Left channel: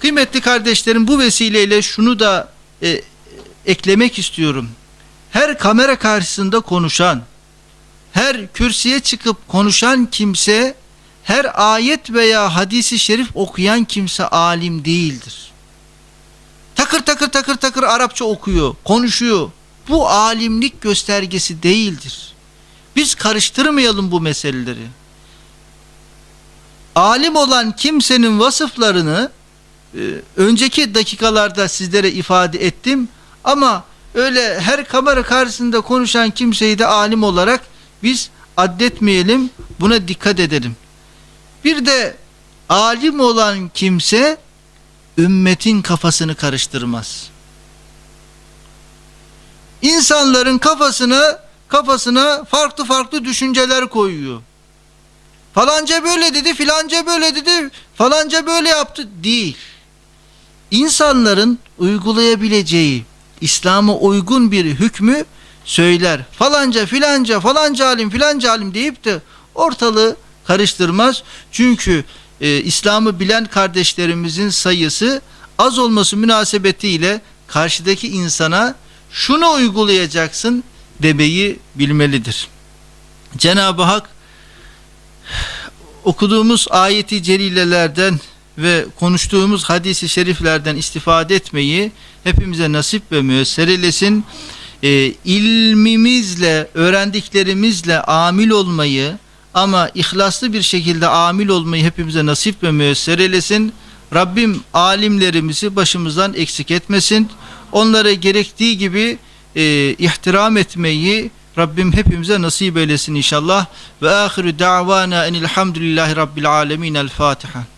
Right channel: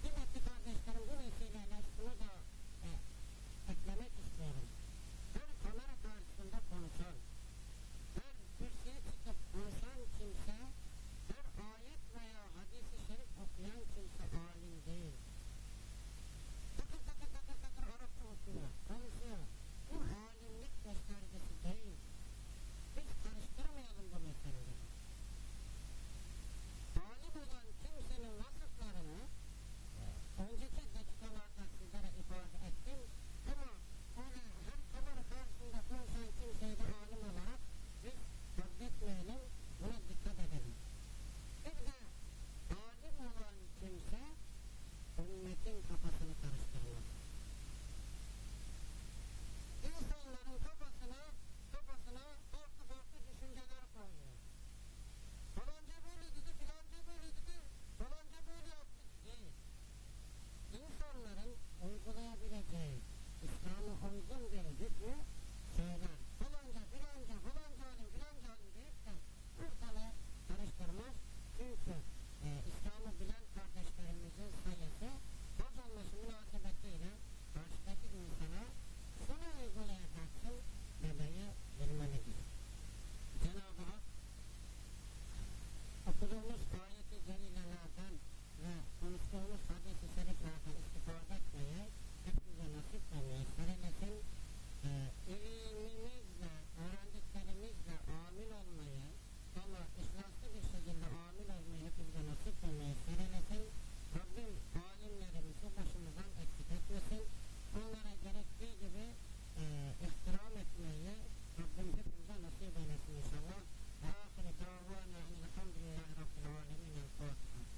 Kıymetli kardeşlerim bu vesileyle şunu da e, eklemek istiyorum. Her kamera karşısında konuşan, her kürsüye çıkıp konuşan kimse, her ayet veya hadisi şerif okuyan kimse alim değildir. Takır takır takır takır Arapça okuyor, konuşuyor. Bu alimlik göstergesi değildir. Biz karıştırmayalım bu meseleleri. Alim olan kimsenin vasıflarını önceki dakikalarda sizlere ifade ettim ama öyle her kamera karşısında konuşan kimseyi de alim olarak biz addetmeyelim buna dikkat edelim. Bir de alim olan kimse ümmetin kafasını karıştırmaz. İnsanların kafasına kafasına farklı farklı düşünceler koyuyor. Falanca böyle dedi, filanca böyle dedi, falanca böyle yaptı değil. İnsanların uygulayabileceği İslam'a uygun bir hükmü söyler. Falanca filanca falanca alim filanca alim deyip de ortalığı karıştırmaz. Çünkü e, İslam'ı bilen kardeşlerimizin sayısı az olması münasebetiyle karşıdaki insana şunu uygulayacaksın demeyi bilmelidir. Cenab-ı Hak okuduğumuz ayeti celilelerden ve konuştuğumuz hadisi şeriflerden istifade etmeyi hepimize nasip ve müyesser eylesin. Ee, ilmimizle, öğrendiklerimizle amil olmayı ama ihlaslı bir şekilde amil olmayı hepimize nasip ve müyesser eylesin. Rabbim alimlerimizi başımızdan eksik etmesin. Onlara gerektiği gibi e, ihtiram etmeyi Rabbim hepimize nasip eylesin inşallah. Ve ahiru da'vana enilhamdülillahi rabbil alemin. El Fatiha.